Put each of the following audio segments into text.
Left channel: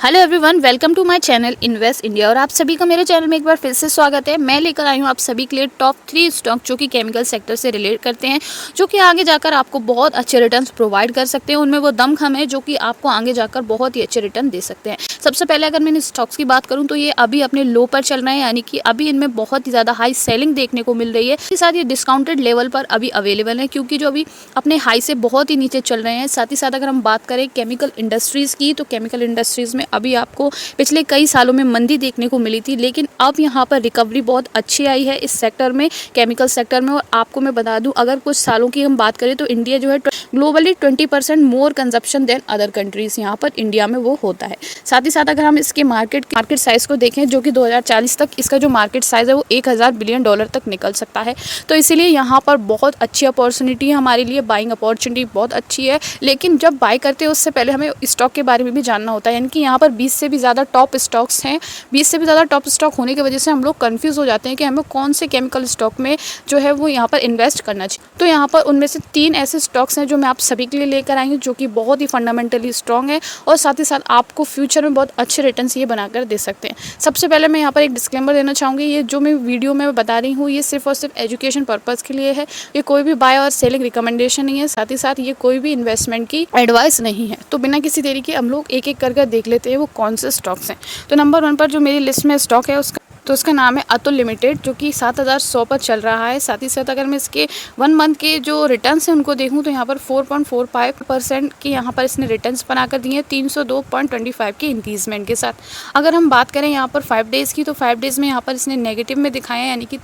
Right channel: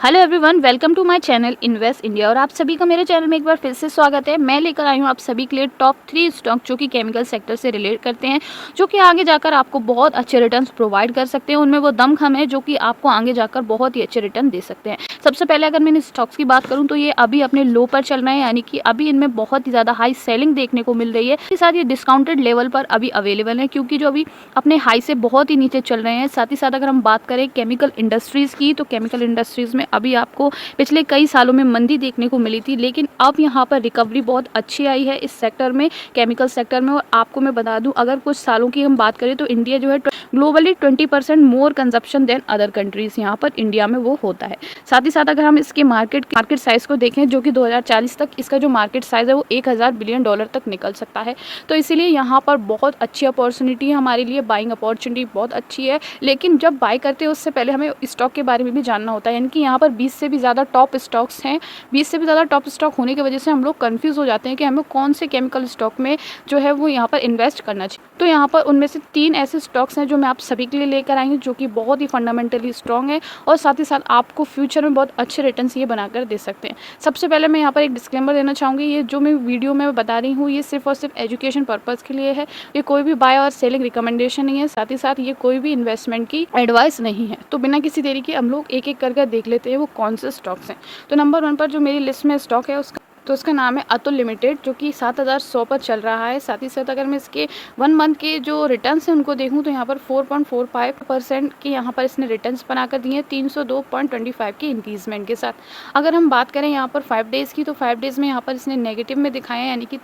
Hello everyone, welcome to my channel invest India. और आप सभी का मेरे चैनल में एक बार फिर से स्वागत है। मैं लेकर आई हूँ आप सभी के लिए टॉप 3 स्टॉक जो कि केमिकल सेक्टर से रिलेट करते हैं, जो कि आगे जाकर आपको बहुत अच्छे रिटर्न्स प्रोवाइड कर सकते हैं। उनमें वो दमखम है जो कि आपको आगे जाकर बहुत ही अच्छे रिटर्न दे सकते हैं। सबसे पहले अगर मैं इन स्टॉक्स की बात करूँ तो ये अभी अपने लो पर चल रहे हैं, यानी कि अभी इनमें बहुत ही ज़्यादा हाई सेलिंग देखने को मिल रही है। इसके साथ ये डिस्काउंटेड लेवल पर अभी अवेलेबल है, क्योंकि जो अभी अपने हाई से बहुत ही नीचे चल रहे हैं। साथ ही साथ अगर हम बात करें केमिकल इंडस्ट्रीज़ की, तो केमिकल इंडस्ट्रीज़ में अभी आपको पिछले कई सालों में मंदी देखने को मिली थी, लेकिन अब यहाँ पर रिकवरी बहुत अच्छी आई है इस सेक्टर में, केमिकल सेक्टर में। और आपको मैं बता दूं, अगर कुछ सालों की हम बात करें तो इंडिया जो है ग्लोबली 20% मोर कंजप्शन देन अदर कंट्रीज यहाँ पर इंडिया में वो होता है। साथ ही साथ अगर हम इसके मार्केट साइज को देखें, जो कि 2040 तक इसका जो मार्केट साइज है वो 1000 बिलियन डॉलर तक निकल सकता है। तो इसीलिए यहाँ पर बहुत अच्छी अपॉर्चुनिटी है हमारे लिए, बाइंग अपॉर्चुनिटी बहुत अच्छी है। लेकिन जब बाय करते हैं उससे पहले हमें स्टॉक के बारे में भी जानना होता है, यानी कि यहाँ पर 20 से भी ज़्यादा टॉप स्टॉक्स हैं। 20 से भी ज़्यादा टॉप स्टॉक होने की वजह से हम लोग कंफ्यूज हो जाते हैं कि हमें कौन से केमिकल स्टॉक में जो है वो यहाँ पर इन्वेस्ट करना चाहिए। तो यहाँ पर उनमें से 3 ऐसे स्टॉक्स हैं जो मैं आप सभी के लिए लेकर आई हूँ, जो कि बहुत ही फंडामेंटली स्ट्रॉन्ग है और साथ ही साथ आपको फ्यूचर में बहुत अच्छे रिटर्न्स ये बनाकर दे सकते हैं। सबसे पहले मैं यहाँ पर एक डिस्क्लेमर देना चाहूँगी, ये जो मैं वीडियो में बता रही हूँ ये सिर्फ और सिर्फ एजुकेशन पर्पज़ के लिए है। ये कोई भी बाय और सेलिंग रिकमेंडेशन नहीं है, साथ ही साथ ये कोई भी इन्वेस्टमेंट की एडवाइस नहीं है। तो बिना किसी देरी के हम लोग एक एक करके देख लेते हैं वो कौन से स्टॉक्स हैं। तो नंबर 1 पर जो मेरी लिस्ट में स्टॉक है उसका नाम है अतुल लिमिटेड, जो कि 7100 पर चल रहा है। साथ ही साथ अगर मैं इसके 1 मंथ के जो रिटर्न्स हैं उनको देखूं तो यहाँ पर 4.45% की यहाँ पर इसने रिटर्न्स बनाकर दिए हैं, 302.25 के इंक्रीजमेंट के साथ। अगर हम बात करें यहाँ पर 5 डेज़ की, तो 5 डेज़ में यहाँ पर इसने नेगेटिव में दिखाए हैं, यानी कि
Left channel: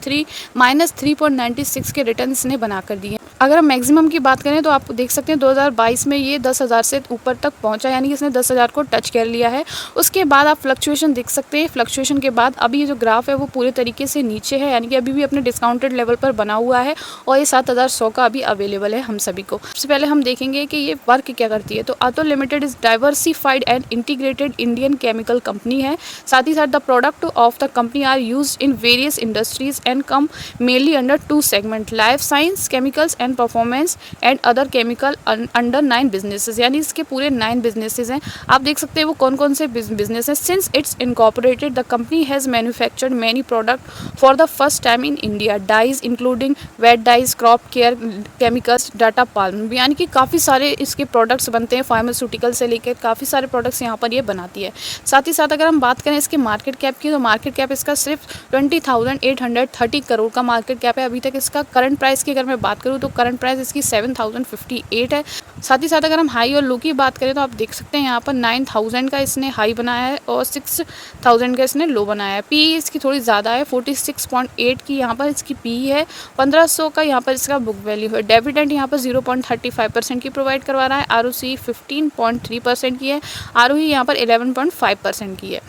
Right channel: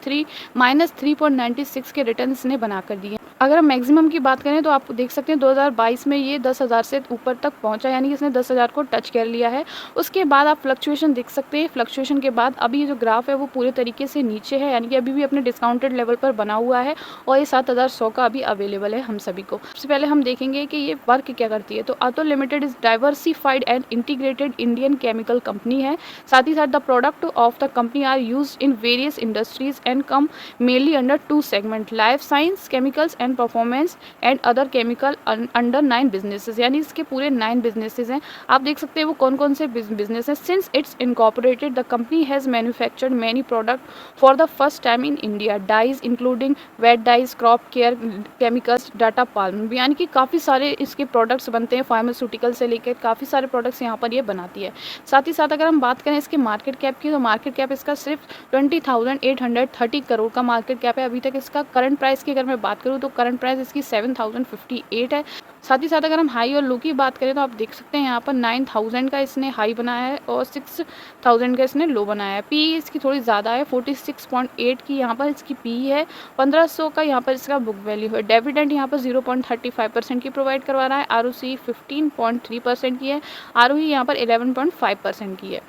-3.96 के रिटर्न इसने बनाकर दिए। अगर हम मैक्सिमम की बात करें तो आप देख सकते हैं 2022 में ये 10,000 से ऊपर तक पहुंचा, यानी कि इसने 10,000 को टच कर लिया है। उसके बाद आप फ्लक्चुएशन देख सकते हैं। फ्लक्चुएशन के बाद अभी जो ग्राफ है वो पूरे तरीके से नीचे है, यानी कि अभी भी अपने डिस्काउंटेड लेवल पर बना हुआ है और ये 7100 का अभी अवेलेबल है हम सभी को। सबसे पहले हम देखेंगे कि ये वर्क क्या करती है। तो Atul limited is diversified and integrated Indian chemical company है। साथ ही साथ the product of the company are use in various industries and come mainly under 2 segment, life science chemicals and performance and other chemical under 9 businesses, यानी इसके पूरे 9 businesses हैं। आप देख सकते हैं वो कौन कौन से बिजनेस हैं। Since it's incorporated the company has manufactured many product for the first time in India, dyes including wet dyes, crop care chemicals, data palm, यानी कि काफ़ी सारे इसके प्रोडक्ट्स बनते हैं। फार्मास्यूटिकल से लेकर काफ़ी सारे प्रोडक्ट्स यहाँ पर ये बनाती है। साथ ही साथ अगर हम बात करें इसके मार्केट कैप की, तो मार्केट कैप इसका सिर्फ 20,830 करोड़ का मार्केट कैप है अभी तक। इसका करंट प्राइस की अगर मैं बात करूँ तो करंट प्राइस इसकी 7,058 है। साथ ही साथ अगर हम हाई और लो की बात करें तो आप देख सकते हैं यहाँ पर 9,000 का इसने हाई बनाया है और 6,000 का इसने लो बनाया है। पी इसकी थोड़ी ज़्यादा है, 46.8 की यहाँ पर इसकी पी है। 1500 का यहाँ पर इसका बुक वैल्यू है। डिविडेंड यहाँ पर 0.35% की प्रोवाइड करवा रहा है। आरओसी 15.3% की है। आरओई यहाँ पर 11.5% की है।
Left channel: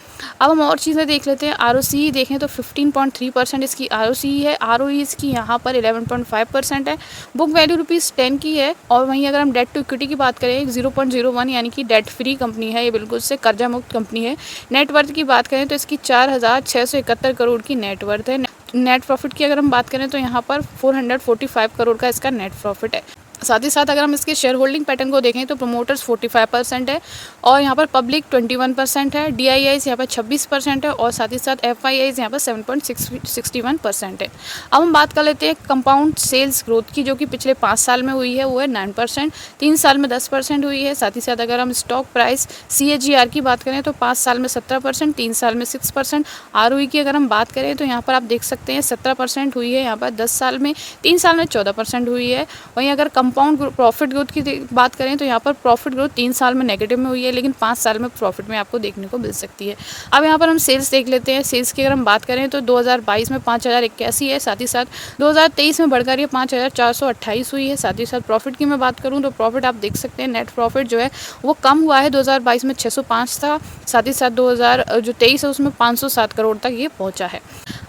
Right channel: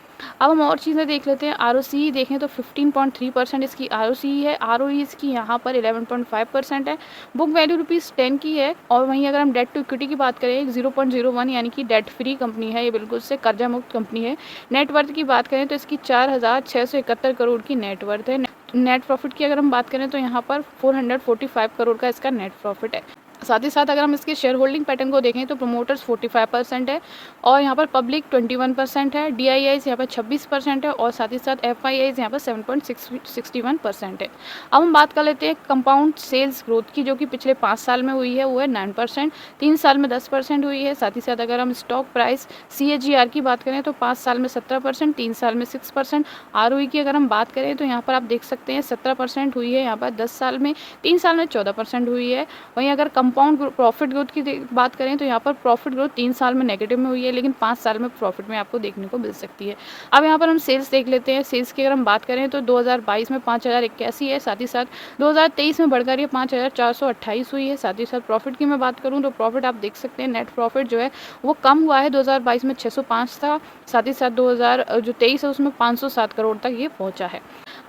अब हम और चीज़ें देख लेते हैं। आरओसी देखें तो 15.3% इसकी आरओसी है। आरओई इसकी यहाँ पर 11.5% है। बुक वैल्यू ₹10 की है। और वहीं अगर हम डेट टू इक्विटी की बात करें 0.01, यानी कि डेट फ्री कंपनी है, ये बिल्कुल से कर्जा मुक्त कंपनी है। नेटवर्थ की बात करें तो इसकी 4,671 करोड़ की नेटवर्थ है। नेट प्रॉफिट की अगर हम बात करें तो यहाँ पर 445 करोड़ का इसका नेट प्रॉफिट है। साथ ही साथ अगर हम इसके शेयर होल्डिंग पैटर्न को देखें तो प्रमोटर्स 45% है और यहाँ पर पब्लिक 21% है। DIIs यहाँ पर 26% है और साथ ही साथ FIIs यहाँ पर 7.61% है। अब हम बात कर लेते हैं कंपाउंड सेल्स ग्रोथ की, जो कि पिछले 5 साल में हुई है, वो है 9%, 3 साल में 10% हुई है। साथ ही साथ अगर हम स्टॉक प्राइस CAGR की बात करें तो 5 साल में 17%, 3 साल में 6%। ROE की अगर हम बात करें तो यहाँ पर आप देख सकते हैं 17% हुई है यहाँ पर 10 साल में, 3 साल में 14% हुई है। वहीं अगर कंपाउंड प्रॉफिट ग्रोथ की बात करें तो यहाँ पर प्रॉफिट ग्रोथ 3 साल में नेगेटिव में हुई है, लेकिन 5 साल में प्रॉफिट में आपको देखने को मिल सकती है। अब यहाँ पर हम सेल्स देख लेते हैं। सेल्स की अगर हम बात करें तो 2022 में 5,081 है। साथ ही साथ 2023 में बढ़कर ये 5,428 हुई है। साथ ही साथ प्रॉफिट की मैं बात करूँ तो प्रॉफिट आप देख सकते हैं, नेट प्रॉफिट जो है वो कम हुआ है। 2022 में 605 था, साथ ही साथ 2023 है उसमें 507 करोड़ तक ये पहुँचा है।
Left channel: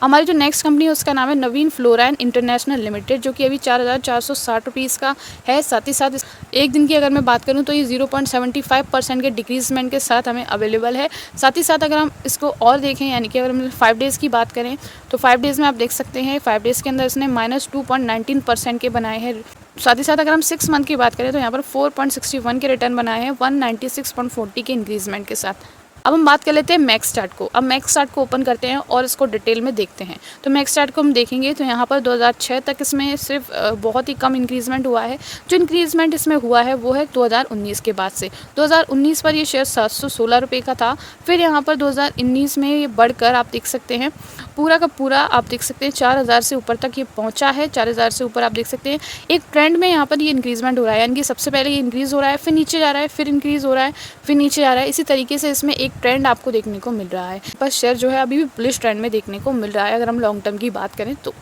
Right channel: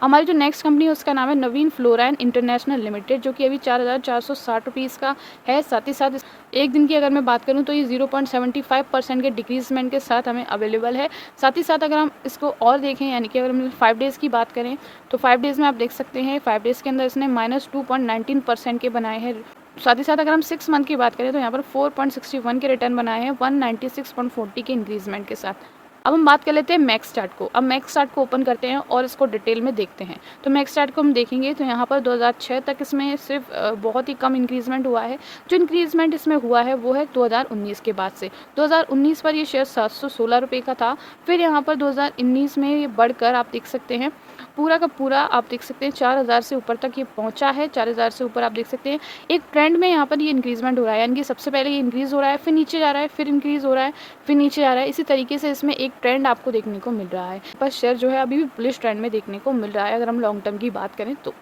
हमारी जो नेक्स्ट कंपनी है उसका नाम है नवीन फ्लोराइन इंटरनेशनल लिमिटेड, जो कि अभी 4,460 रुपीज़ का है। साथ ही साथ एक दिन की अगर मैं बात करूं तो ये 0.75% के डिक्रीजमेंट के साथ हमें अवेलेबल है। साथ ही साथ अगर हम इसको और देखें, यानी कि अगर हम 5 डेज़ की बात करें तो 5 डेज़ में आप देख सकते हैं 5 डेज़ के अंदर इसने -2.19% के बनाए हैं। साथ ही साथ अगर हम 6 मंथ की बात करें तो यहाँ पर 4.61 के रिटर्न बनाए हैं 196.40 के इंक्रीजमेंट के साथ। अब हम बात कर लेते हैं मैक्स चार्ट को। अब मैक्स चार्ट को ओपन करते हैं और इसको डिटेल में देखते हैं। तो मैक्स चार्ट को हम देखेंगे तो यहाँ पर 2006 तक इसमें सिर्फ बहुत ही कम इंक्रीजमेंट हुआ है। जो इंक्रीजमेंट इसमें हुआ है वो है 2019 के बाद से। 2019 पर ये शेयर 716 रुपये का था। फिर यहाँ पर 2019 में ये बढ़कर आप देख सकते हैं पूरा का पूरा आप देख सकते हैं 4000 से ऊपर तक ये पहुँचा है। 4000 से ऊपर आप देख सकते हैं एक ट्रेंड में यहाँ पर ये इंक्रीजमेंट हो रहा है, यानी कि सबसे पहले ये इंक्रीज़ हो रहा है, फिर नीचे जा रहा है, फिर इंक्रीज़ हो रहा है, फिर नीचे जा रहा है। इसी तरीके से इसमें एक ट्रेंड आपको देखने को मिल रहा है। पर शेयर जो है अभी भी बुलिश ट्रेंड में देखने को मिल रहा है अगर हम लॉन्ग टर्म की बात करें तो।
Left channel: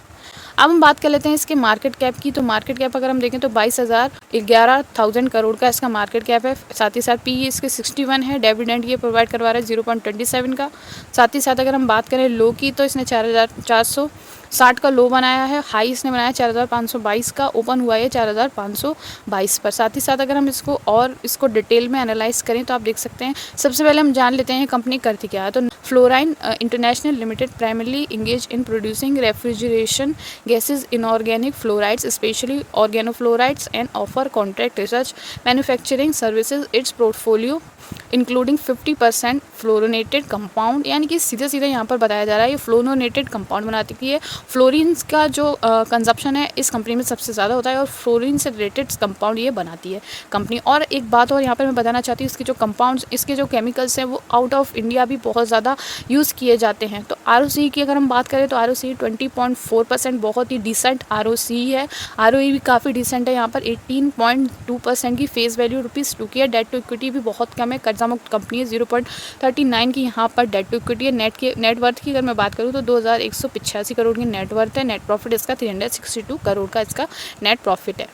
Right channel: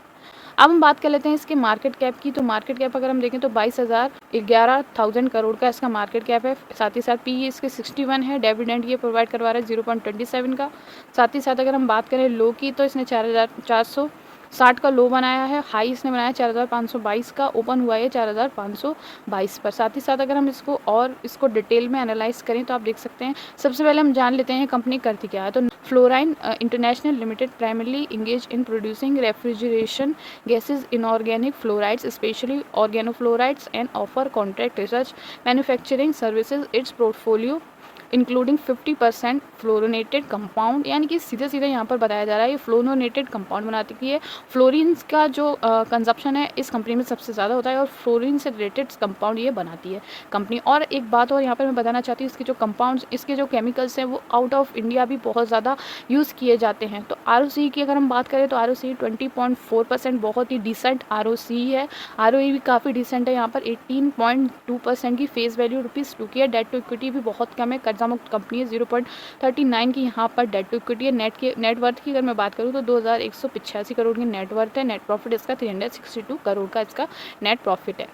अब हम बात कर लेते हैं इसके मार्केट कैप की। तो मार्केट कैप अगर हम देखें तो 11,000 करोड़ का इसका मार्केट कैप है। साथ ही साथ पी इसके 61 है। डिविडेंड ये प्रोवाइड करवा रहा है 0.27 का। साथ ही साथ अगर हम बात करें लो की तो इसने 4,460 का लो बनाया है। हाई इसने बनाया 4,522 का। ओपन हुआ है 4,522 पर। साथ ही साथ अगर हम इसको डिटेल में एनालाइज करें तो आप देख सकते हैं सबसे पहले हम जान लेते हैं कंपनी करती क्या है। तो fluorine international limited primarily engage in producing refrigeration gases, inorganic fluorides, especially organofluorides, and offer contract research manufacturing services. Its portfolio including 50% fluorinated compound, यानी कि सीधे सीधे यहाँ पर बताया जा रहा है ये फ्लोरोनेटेड कंपाउंड बनाती है। फ्लोरीन्स का जो कंजप्शन है इस कंपनी में सबसे ज़्यादा होता है और फ्लोरीन से रिलेटेड कंपाउंड ये बनाती है कंपनी। और एक बात और यहाँ पर मैं बताना चाहती हूँ, इसके जो कंपाउंड्स, इसके जो केमिकल्स हैं वो आउट ऑफ इंडिया भी बहुत ज़्यादा यूज़ किए जाते हैं। तो ROCE की अगर हम बात करें तो ROCE 20.4% बहुत ही डिसेंट ROCE है। ROE भी काफ़ी डिसेंट है। यहाँ पर 18.2% की फेस वैल्यू ₹2 की है। डेट टू इक्विटी भी बहुत कम है। कर्जा मुक्त कंपनी है। 0.39 की यहाँ पर डेट टू इक्विटी है। नेट वर्थ की अगर मैं बात करूँ तो 2,185 करोड़ की नेट वर्थ है। नेट प्रॉफिट इसका 362 करोड़ का इसका नेट प्रॉफिट है।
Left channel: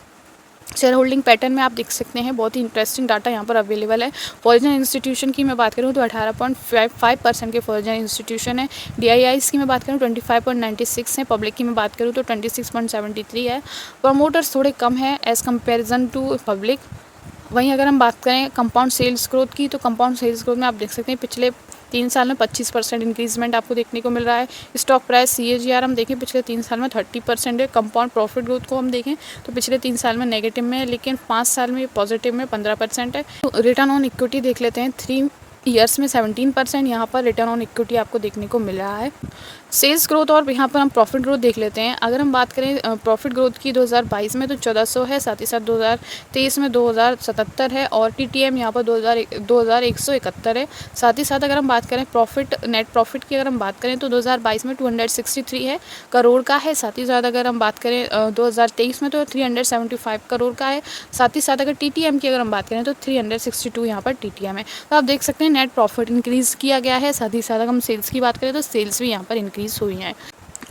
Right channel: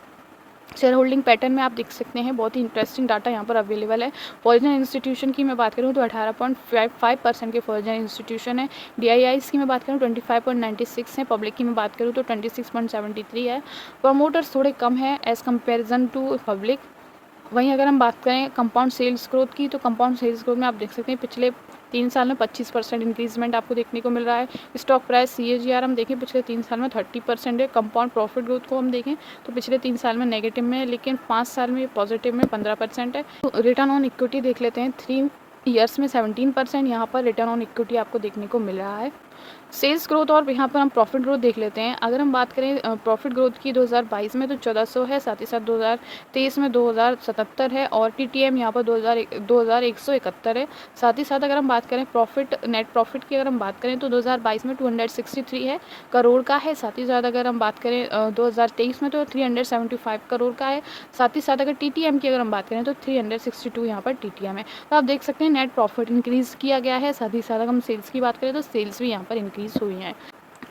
शेयर होल्डिंग पैटर्न में आप देख सकते हैं बहुत ही इंटरेस्टिंग डाटा यहाँ पर अवेलेबल है। फॉरेन इंस्टीट्यूशन की मैं बात करूँ तो 18.55% के फॉरेन इंस्टीट्यूशन है। DIIs की मैं बात करूँ 25.96 है। पब्लिक की मैं बात करूँ तो 26.73 है। प्रमोटर्स थोड़े कम है एज़ कम्पेरिजन टू पब्लिक। वहीं अगर हम बात करें कंपाउंड सेल्स ग्रोथ की तो कंपाउंड सेल्स ग्रोथ में आप देख सकते हैं पिछले 3 साल में 25% इंक्रीजमेंट आपको देखने को मिल रहा है। स्टॉक प्राइस CAGR हम देखें पिछले 3 साल में 30% है। कंपाउंड प्रॉफिट ग्रोथ को हम देखें तो पिछले 3 साल में नेगेटिव में है, लेकिन 5 साल में पॉजिटिव में 15% है। तो रिटर्न ऑन इक्विटी देख लेते हैं। 3 ईयर्स में 17% यहाँ पर रिटर्न ऑन इक्विटी आपको देखने को मिल रहा है। सेल्स ग्रोथ और यहाँ पर हम प्रॉफिट ग्रोथ देख लेते हैं। अगर हम बात करें प्रॉफिट ग्रोथ की 2022 में तो 1400 है। साथ ही साथ 2023 में 2077 है और TTM यहाँ पर 2171 है। साथ ही साथ अगर हम बात करें नेट प्रॉफिट की अगर हम बात करें तो 2022 में 263 है करोड़ का है। साथ ही साथ अगर हम बात करें 2023 में तो 375 करोड़ का है। साथ ही साथ अगर TTM की अगर हम बात करें तो 362 यहाँ पर TTM है। तो आप देख सकते हैं नेट प्रॉफिट इंक्रीज़ किया गया है। साथ ही साथ अगर हम सेल्स की बात करें तो सेल्स भी यहाँ पर इंक्रीज़ हुई हैं।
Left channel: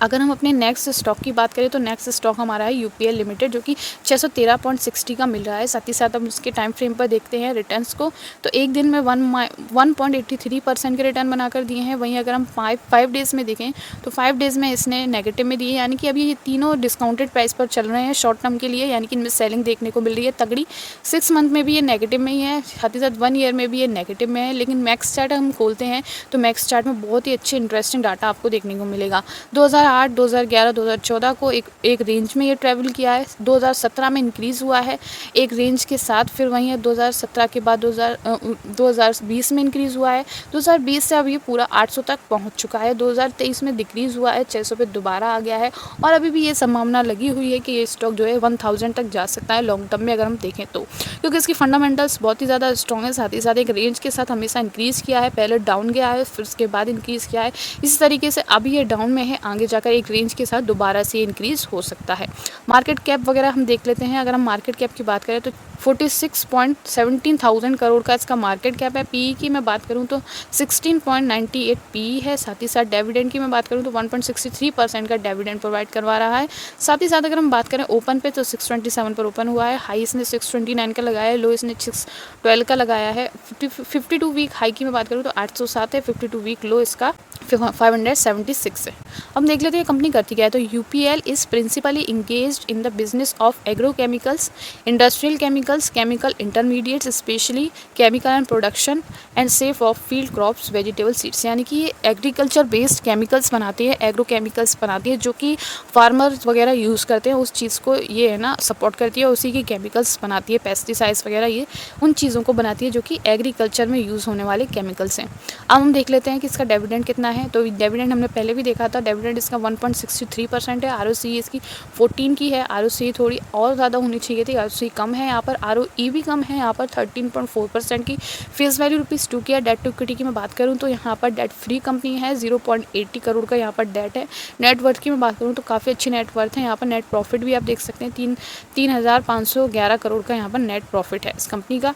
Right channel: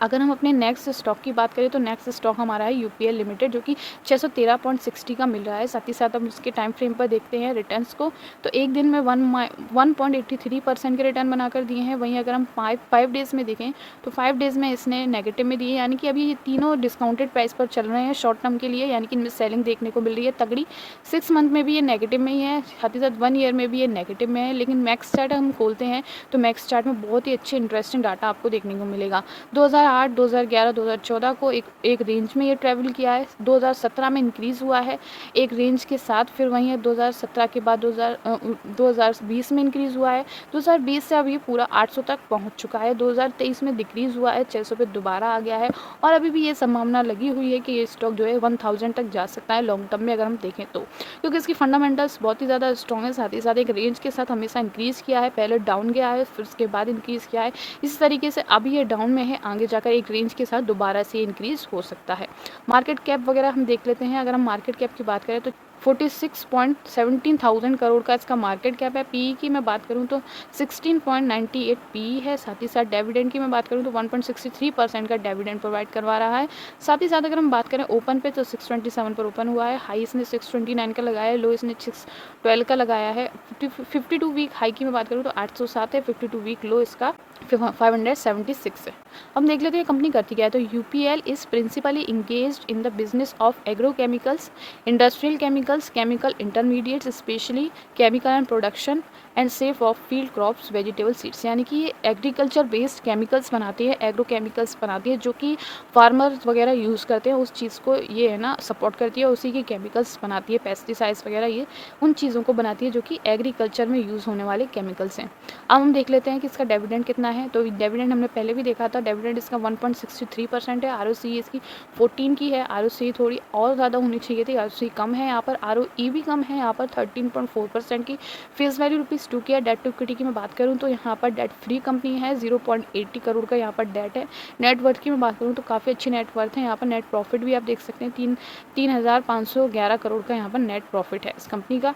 अगर हम अपने नेक्स्ट स्टॉक की बात करें तो नेक्स्ट स्टॉक हमारा है UPL लिमिटेड, जो कि 613.60 का मिल रहा है। साथ ही साथ हम उसके टाइम फ्रेम पर देखते हैं रिटर्न्स को तो एक दिन में 1.83% के रिटर्न बनाकर दिए हैं। वहीं अगर हम 5 डेज़ में देखें तो 5 डेज़ में इसने नेगेटिव में दिए, यानी कि अभी ये तीनों डिस्काउंटेड प्राइस पर चल रहे हैं शॉर्ट टर्म के लिए, यानी कि इनमें सेलिंग देखने को मिल रही है तगड़ी। 6 मंथ में भी ये नेगेटिव में ही है, साथ ही साथ 1 ईयर में भी ये नेगेटिव में है। लेकिन मैक्स चार्ट हम खोलते हैं तो मैक्स चार्ट में बहुत ही अच्छे इंटरेस्टिंग डाटा आपको देखने को मिलेगा। 2008, 2011, 2014 को एक रेंज में ये ट्रैवल किया है। 2017 में इंक्रीज़ हुआ है एक रेंज के साथ। फिर वहीं 2017 के बाद 2020 में इंक्रीज़ हुआ है। 2020 से अब ये पूरा 800 तक पहुंच चुका है। 2023 में डिक्रीज़ हुआ है, 600 पे दोबारा आ गया है और अभी भी ये संभावना लगी हुई है कि ये स्टॉक जो है 1000 तक जा सकता है लॉन्ग टर्म में अगर हम देखें तो, क्योंकि इसकी फंडामेंटल्स बहुत ही ज़्यादा स्ट्रॉन्ग है। साथ ही साथ एक रेंज के साथ हमेशा इंक्रीज़ किया है, पहले डाउन गया है फिर उसके बाद इंक्रीज़ किया है। इसी तरीके से अभी ये डाउन में है, आगे जाकर एक रेंज के साथ दोबारा से इंक्रीज़ हो सकता है। मार्केट कैप वगैरह हम देख लेते हैं। अगर हम मार्केट कैप की बात करें तो 46.17 करोड़ का इसका मार्केट कैप है। PE की मैं बात करूं तो 16.98 PE है। साथ ही साथ डिविडेंड की मैं बात करूं तो 1.63% का डिविडेंड प्रोवाइड करवा रहा है। साथ ही साथ अगर हम बात करें ओपन पे तो 627 पर ओपन हुआ है। हाई इसने 629 का लगाया है, लो इसने 612 का लगाया है। 52 वीक हाई की मैं बात करूँ तो 807 है, 52 वीक लो इसका 576 है। हम देख लेते हैं कंपनी करती क्या है। तो UPL is principally engaged in the business of agrochemicals, industrial chemicals, chemical intermediates, specially chemical and production and safe of field crops, vegetable seeds. यानी कि ये एग्रीकल्चर बेस्ड केमिकल्स बनाती है, एग्रो केमिकल्स बनाती है, जो कि फार्मर्स वगैरह यूज़ करते हैं, उस चीज़ को ये है ना सपोर्ट करती है, उसी की केमिकल्स बनाती है, पेस्टिसाइड्स वगैरह ये उन चीज़ों को बनाती है जो कि एग्रीकल्चर में यूज़ होने वाले केमिकल्स हैं। अब हम देख लेते हैं कि इसका डिविडेंड कितना है। तो डिविडेंड हमने पहले भी देखा था, डिविडेंड इसका 1.63% है। आरओसी इसकी 14 की है। आरओसी थोड़ी और ज़्यादा होनी चाहिए थी, आरओसी कम है यहाँ पर, आरओई भी कम है यहाँ पर 13.4% की। फेस वैल्यू ₹2 की है। डेट टू इक्विटी की मैं बात करूँ तो यहाँ पर डेट फ्री कंपनी है, 0.80 करोड़ का यहाँ पर डेट है। नेट वर्थ की मैं बात करूँ तो काफ़ी अच्छी नेट वर्थ है यहाँ पर। नेट प्रॉफिट भी आप देख सकते हैं 3,511 करोड़ का यहाँ पर नेट प्रॉफिट है इस कंपनी का।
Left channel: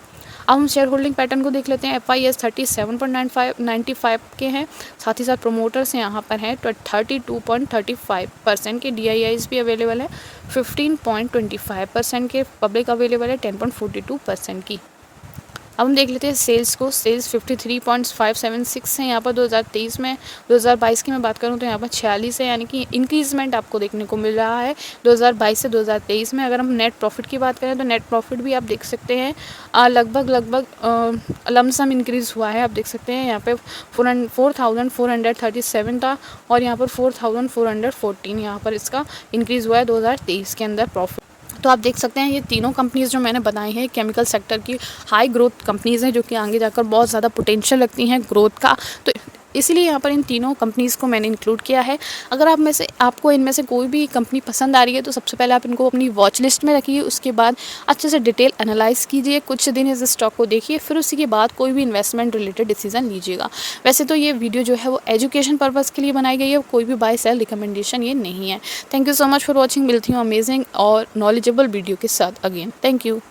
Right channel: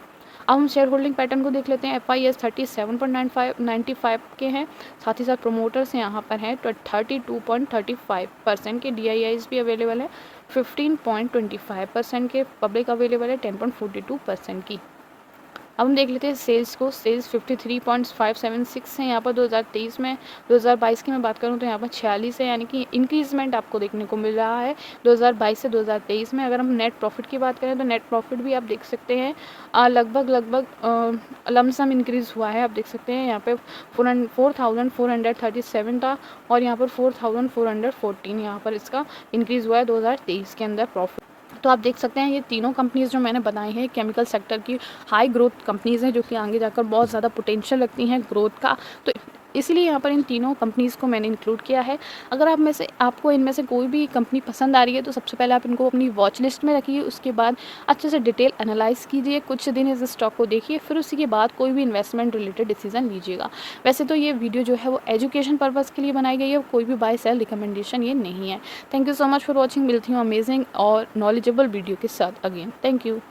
अब हम शेयर होल्डिंग पैटर्न को देख लेते हैं। FIS 37.95 के हैं, साथ ही साथ प्रोमोटर्स यहाँ पर हैं 32.35% के। DIIs भी अवेलेबल है 15.25% के। पब्लिक अवेलेबल है 10.42% की। अब हम देख लेते हैं सेल्स को। सेल्स 53.576 है यहाँ पर 2023 में। 2022 की मैं बात करूँ तो यहाँ पर 46 है, यानी कि इंक्रीजमेंट आपको देखने को मिल रहा है 2022 से 2023 में। अगर हम नेट प्रॉफिट की बात करें तो नेट प्रॉफिट भी आप देख सकते हैं लगभग लमसम इंक्रीज़ हुआ है। आप देख सकते हैं यहाँ पे 4,437 था और यहाँ पर 4,414 यहाँ पर इसका इंक्रीज़ हुआ है 2023 के अंदर प्रॉफिट। तो आप देख सकते हैं ये तीनों कंपनीज़ जो मैंने बताई हैं केमिकल सेक्टर की हाई ग्रोथ कंपनीज़ हैं, जो कि आगे जाकर बहुत ज़्यादा पोटेंशियल रखती हैं ग्रोथ का। तो इसीलिए यहाँ पर इन तीनों कंपनीज़ को मैंने इंक्लूड किया है। अगर आपको इनमें से कोई भी कंपनी पसंद आ रही है तो सबसे पहले आप इनको अपनी वॉच लिस्ट में रखिए, उसके बाद अच्छे से डिटेल एनालाइज़ कीजिए, कुछ दिन इस स्टॉक को देखिए, फिर उसी के बाद कोई भी इन्वेस्टमेंट रिलेटेड डिसीजन लीजिएगा। वैसे तो ये वीडियो जो है वो एजुकेशन पर्पज़ के लिए बनाई गई है, कोई भी बाय सेल रिकमेंडेशन ये नहीं है। Thank you so much for watching. मिलती हूँ अमेजिंग और नॉलेजेबल वीडियो के साथ अगेन। Thank you.